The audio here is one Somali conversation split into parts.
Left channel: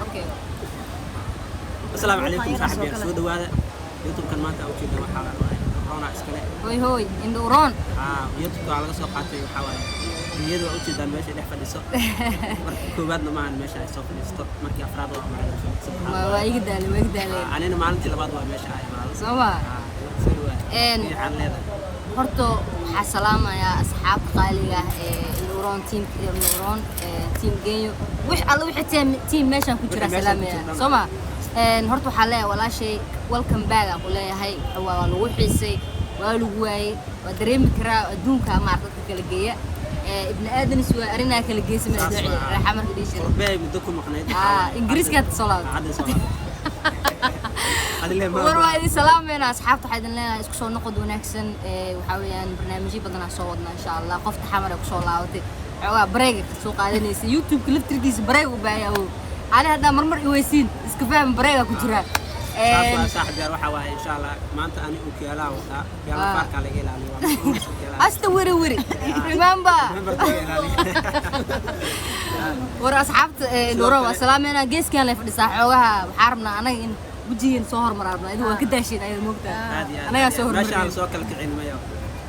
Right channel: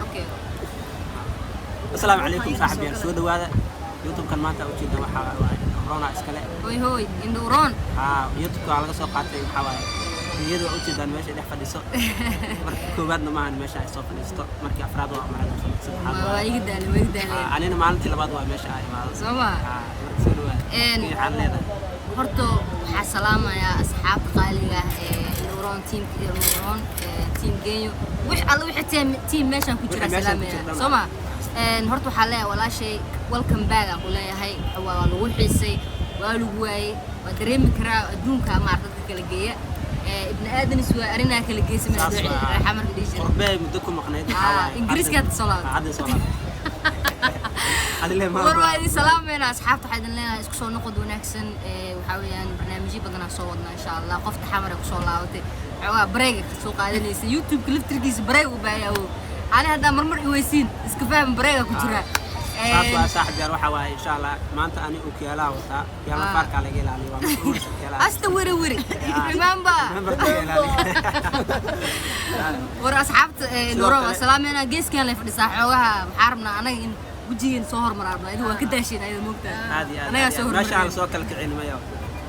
اوكي السلام عليكم صاحبي سو دواده يوتيوب kan maanta u jeedo waxa corona iskale هوي اندورون youtube waa laga soo qaatay waxa waaye iyadu u jeedaan meesha dhex fadhiso markii koobaadna maahan meesha ay soo fadhisto markii afraad waa markaa waa iga daalay anina maalintii labaad waa meesha ay imaado soma soo dhawaad waxaan leedahay horto waxaa salaamayaa asxaabta qaaliga ah ee Nuuron teamka Nuuron team Genyo wix alla wixii team meeshan ku jira salaamaya soma horto waxaa leeyahay walaashay welcome back aqu leeyahay waa lagu xiisay waa lagu waayay waa dareemi karaa adduunka ma dadka kala geeya ibn aadan iswa arina kala geeysa ma dooci raaxa marka dhiisay qurbay muddo ku maqnayd ingiriiska salaam warwaadi salaamena asxaabta waxaan leeyahay isku soo noqod wanaagsan waxa weeyaan barnaamijyo badan aan soo wadnaa insha Allah qofta xamar ay ku soo laabatay xogaa break ka soo qaadanaysa YouTube liftirkiisa break u baahayo ana hada marmar iweysiin iska faham break ku jira صاحب جار waxa waaye insha Allah maanta ani oo kiyaalaha waxa kiyaalaha farka laga ilaaliyo waa asta wiri remember war asxaabta Nuuro waa salaamena geeskan la fadhisaa xoogaha waxaan rabnaa anaga in wajigeen soo hormararno idoo waa ka daasheen ayada moogtaa anaga soo hormarno meesha soo kala kicilmayo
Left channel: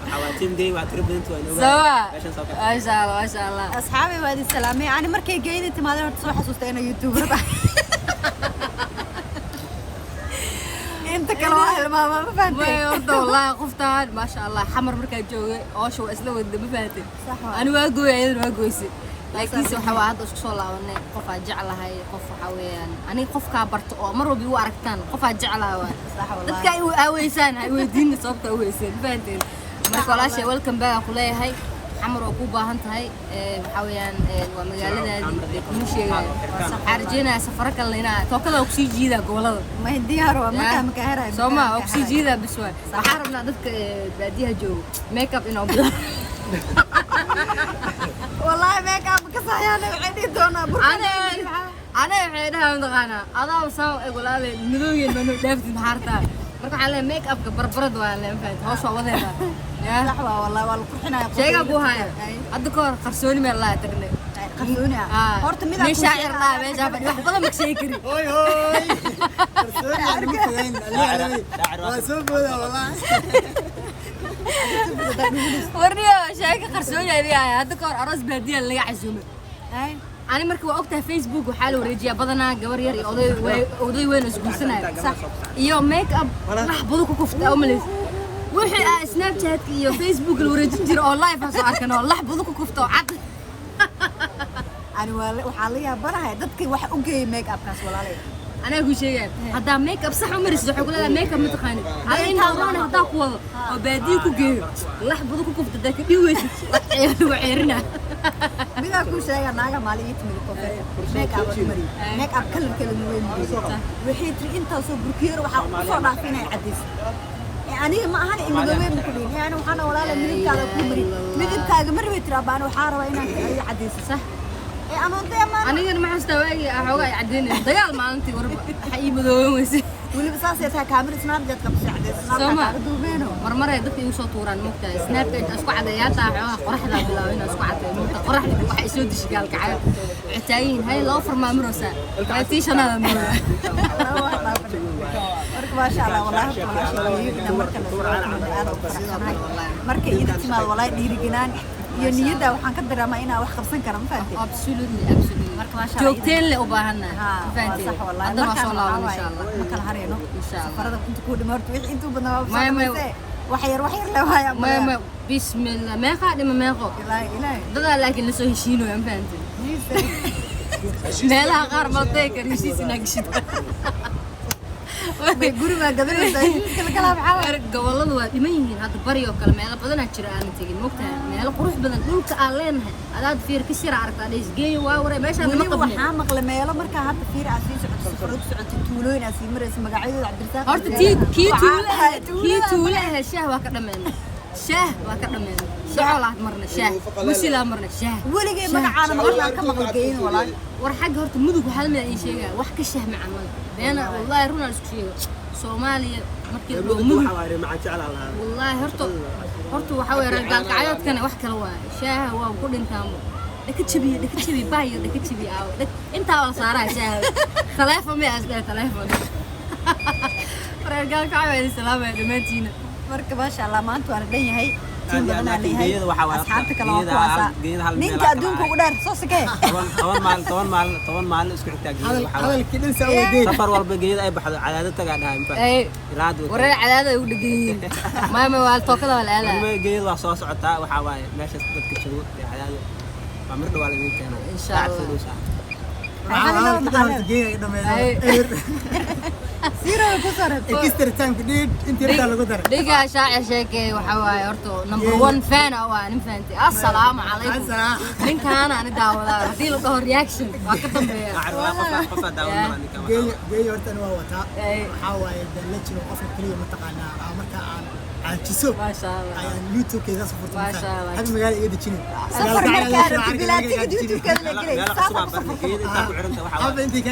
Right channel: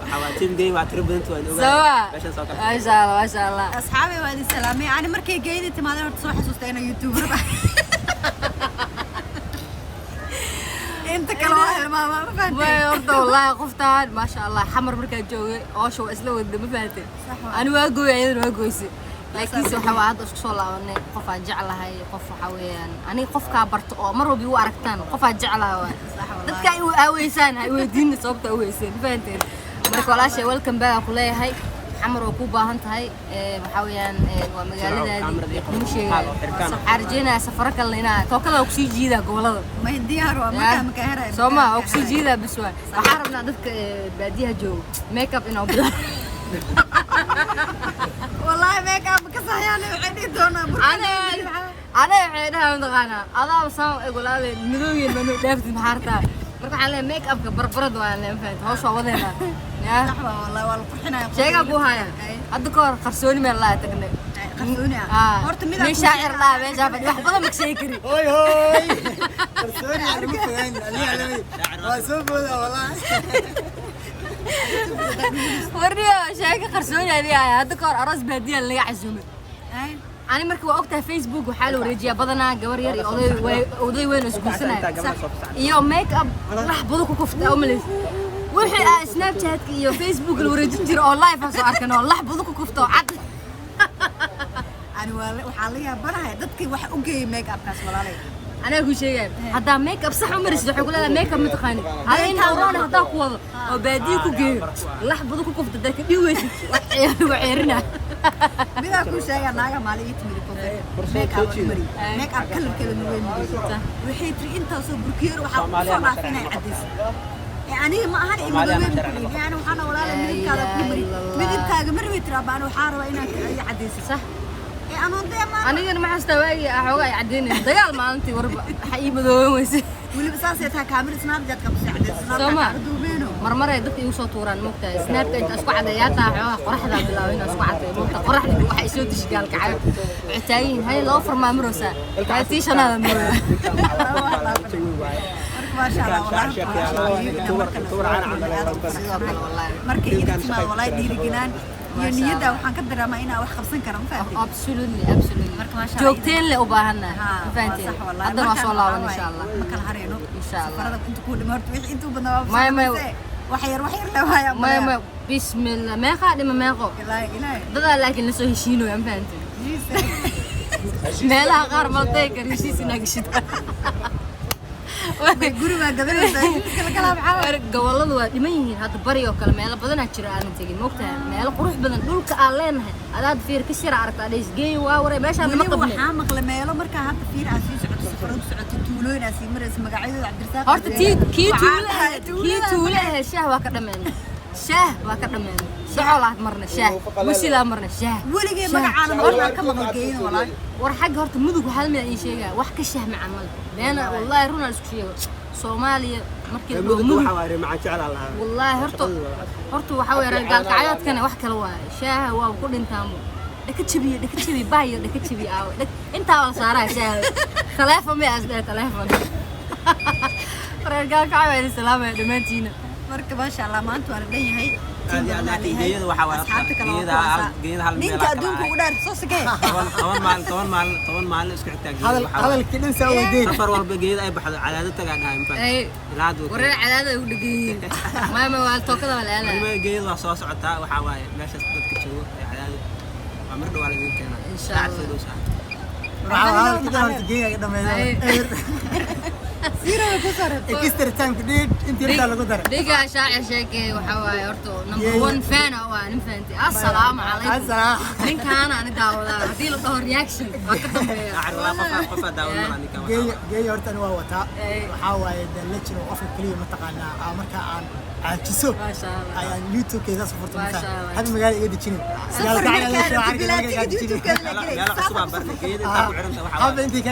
waxa waa team game waa tribent waa ogaa meesha soo kala ma sha Allah asxaabi waadi salaamay ani markay geeyday timaadeen horta soo xasuustay inay YouTuber انت كلام اهل ماما ما فهمتي والله قفتان ما شاء الله حمر مركا جوي اوشو اسلو ود ما فهمتي انا واقوي انا واقويسي لكن سو حواد اسku soo laabanay qof aan jeclahay qof waxa weeyaan ani qofka barto oo mar walba u aragtaan qof aan jeclahay صح والله dadka ay aweysaan ay weydiin sababta aweysaan fahanteen marka walaashay welcome back ku leeyahay xamar oo ku baahan tahay waxa weeyaan waa magaaladaadii kuma sheegay xarjina safar kale inaa tookada ku sii jiida gobolada ما هي ديار وما كان هراي Soma oo ku sii jiida biswaan waxaan rabnaa dadka baadiyaha jooga make up inoo bilo والله ما كان كفايانا عندي دونا ana waxay dhahaa maqana adaa soo igulaale midooyin manu dhaaftin harta marka xalay make up ka barbarad waa la faahfaahin hoos oo wadeena يا رحبه والله والله قرحنا sheega ku haya hadda ka hor qarsooni meel la tagnay قصوني horta mid aan shaacir la meesha wax badan ma sheegi kari qarsooni aan ma fogaan ali waa soo booda wallahi warniyo sheega qarsooni adiga hadda ka hor aras baadiya laga casuumay ani markii waa ogtahay Facebook waxa la wareejiyaa badanaa gabar yar iyo oday weyn oo isguursanay sax iyo make up wax badan ku kufta oo malays wixii Snapchat iyo Facebook la wareejin jiro oo live aan soo arkano wax badan ku kufta oo cad ani waxa la yaabanahay dadkii wax u geeyay make up kaas walaalay أنا أقول شيء هذا ميك أب صح عمري صح يقول هذا ميك أب متقني هذا إنه أنا هذا قوة وباديك وجير لحظة ذوك كفت ذاك ديوش وعيرنا بيدا كل شيء أنا مالي يتمري كوفي ميك أب مري ميك أب كلام وين مري وحيتري أنت وصوب بركير وصونا فينا يعديس يعني ما هني مدوين كلين يعني وحنا ولا لا مدب كذا كمري مدب كذا مري بيتربان وحارة وين يعديس صح أنا ما أستوعب أحوج يعديني دجال ما أنتي وربع حقيقي مدوين واللي بساسيتها كاميرا سناب جات كبس عدد سناب كاردو بينه مرمرة يدك يوصل طوران مكتا سناب أنت أسقع عدياتها قرح ذا بلاوين أسقع عدي مكتا قرح ذي واحد يسوي تشجال كعاد عتاوين هاي الأوفر ما مروسا هاي تيش أنا مرة مرك ما شاء الله والله ولا شيء إذا مركنا سرعة كلنا هذا وفرحنا مرك إذا تما والله ديري جنان ينيدا وحن كدر ما إنا وح خمسين كرم فاتي absolutely مرك ما شاء الله جوكتين اللي أباهنا صح والله هذا ما شاء الله إن شاء الله مكان هرينو إن شاء الله سفرة كنت كود مرت ويح أنتوا بنا ما وحير لو هاي ما بسم الله ما خادم ما خو إلهي ده لكن لسه شينو يا فهمتي لا لا غير ملتك ريسيس ناقشت guri ma gadanaysaa kala kala baxaa gobolada waa dhiman yihiin hadda bari oo kale meel badan aad jira aan tagin moogtaa meel qurux badan dhulka aan leenahay adaad fiir ka shir aragtaa dhisgeey waa waray meesha wali waxa maqla meelo marka hadda fiir aad sii socotay farad socotay tuulooyin aad sii maraysa magacyadooda Cabdirasaaq horta tuulaha shaah waa ka dhameeyay shaah waa ka dhameeyay شعلات مرنا شاه وسيلا مرنا شاه ولقي مقعنا مقعنا كم مقلقين والله ورحق هرت مدق وحال من شيء وحك الشاه مع عمل أنا والله رونا السكيو صوماليا مركي مدق والله هرتو وحاول رجال قعدات كان وحكي لوا شاه وكل إنتامو dhaka jabi baayo dhaka jabi aawo intaa waan saaraa shaal telefoon ma asday telefoon fargal ka way salaamay dhamaantiina marka maasha Allah maanta waan dhan yahay laakiin geeyada waxa waa geeyada hal meel kala ah 10 maalin isku xigtaa geeyada waxa waa halkii soo waday safar walba geeyada ay baxdo cadaadad tagaa dhahay inta ilaad wareer cadaadad u dhigay maama waa tookada wala waliba geeyada waa soo socotaa waxa waaye meeshaas dadka joogo cadaadad waa mar dhawaal idin keenaa saacad soo dhow saacad halkii horta geeyada dhameeyay اكسترتان كديد انت ردا لو دار ديغا شاعر شيكي waxa waay horto number 1 fan waa nin faanti assalamu alaykum ninkan aan daawada hadii la dhaho reaction waa ka dambeeya qof daawada ninkan geey horta waa wata waxa waay dalajiro qof kaliya ma taqaana marka aan tiso ma sha Allah aan youtube keeda safarto hal magaal iga dajin yaalka ayaa soo argay meel cusub aan barnay geeyada inta ku xiranta waxa waay inta ka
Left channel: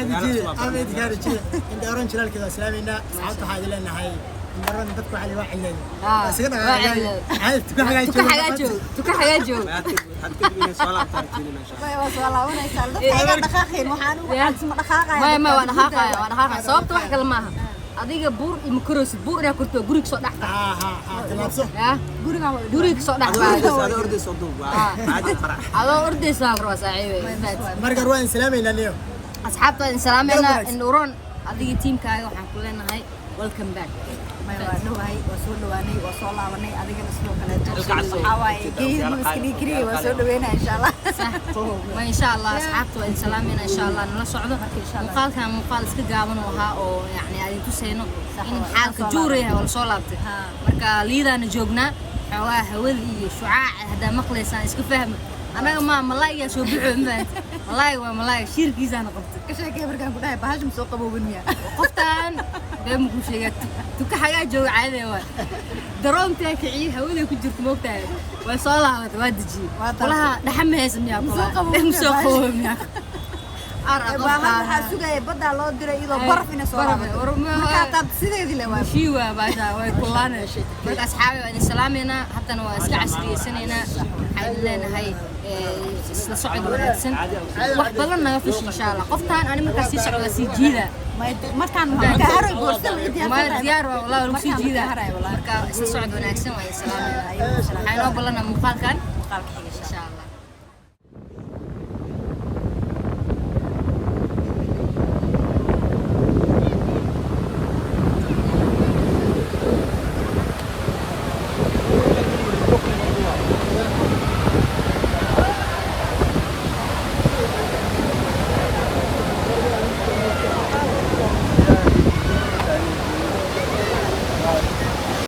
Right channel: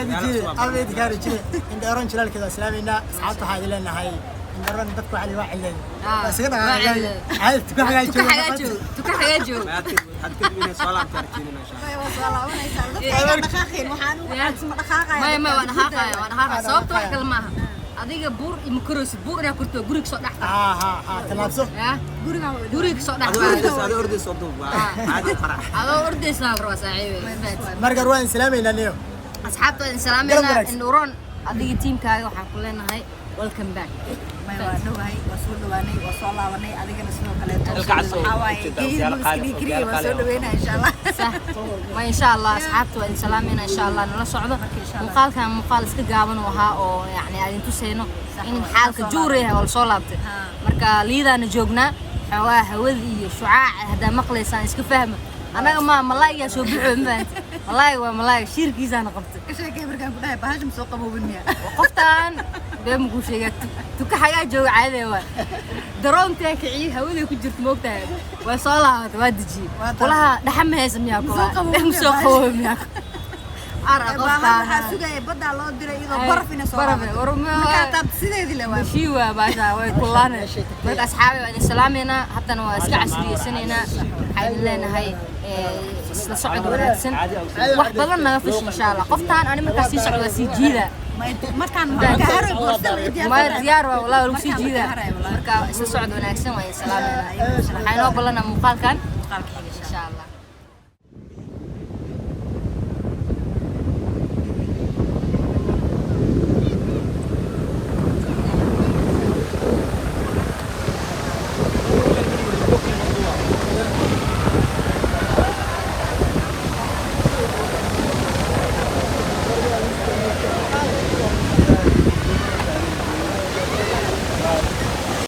dajin inta oran jiral kada islaamina saacada waxaa ileenahay indaran dadku cali waa xilay asiga dhahay tuka xagaajo had ka dibina soo laabtar kiina insha Allah ma waan dhaqaaqay sababta wax kale maaha adiga buur ima koroosi buur ina kurto guriga soo dhaxta talaabso guriga soo dhaxta ado orday soo duub waa caadi farax ado orday soo raba saaxiibay marka waan islaameyna niyo asxaabta islaameyna in uron adiga teamkaaga waxaan ku leenahay welcome back may waa dhawahay waa soo dhawaanay waa soo laabanay adigana sidoo kale waxa waaye geeyada ma iska dhigay waa soo dhaweynaa insha Allah ma insha Allah asxaabta waan salaamina insha Allah nala socdo muuqaalkan muuqaal iska gaaban waxa oo yani ay tusayno in xaalka juuraya wala soo laabtay marka liidana joognaa hawada iyo shucaaca hada maqlaysaan iska fahmo anaga ma malaay soo bixo maanta malaay waa malaay shirkiisana qabtay ka sheekay markaan ku dhahay bahashim soo qaboobin miya qoftaan beem ku sheegay tuka xagaa jooga caade waa daroonta kicii hawada ku jirto moogtaa way soo laabatay waa diji walaha dhaxam haysan miya soo qaboobin waxa sugay badda loo diray idoo baraf ina soo laabato marka taab sideedii la waa shiwa baasha way kulaanayso marka asxaabi waa islaamina hatana waa iska casriyeysanayna waxaan leenahay isla socod wanaagsan wax badan naga fish insha Allah qoftaan ani markaas si socda si jiida markaan ka haray boorso ma diyaar waa wallahi si jiida marka isla socod wanaagsan waa islaamina ayno balana muuqaalkan xiga insha Allah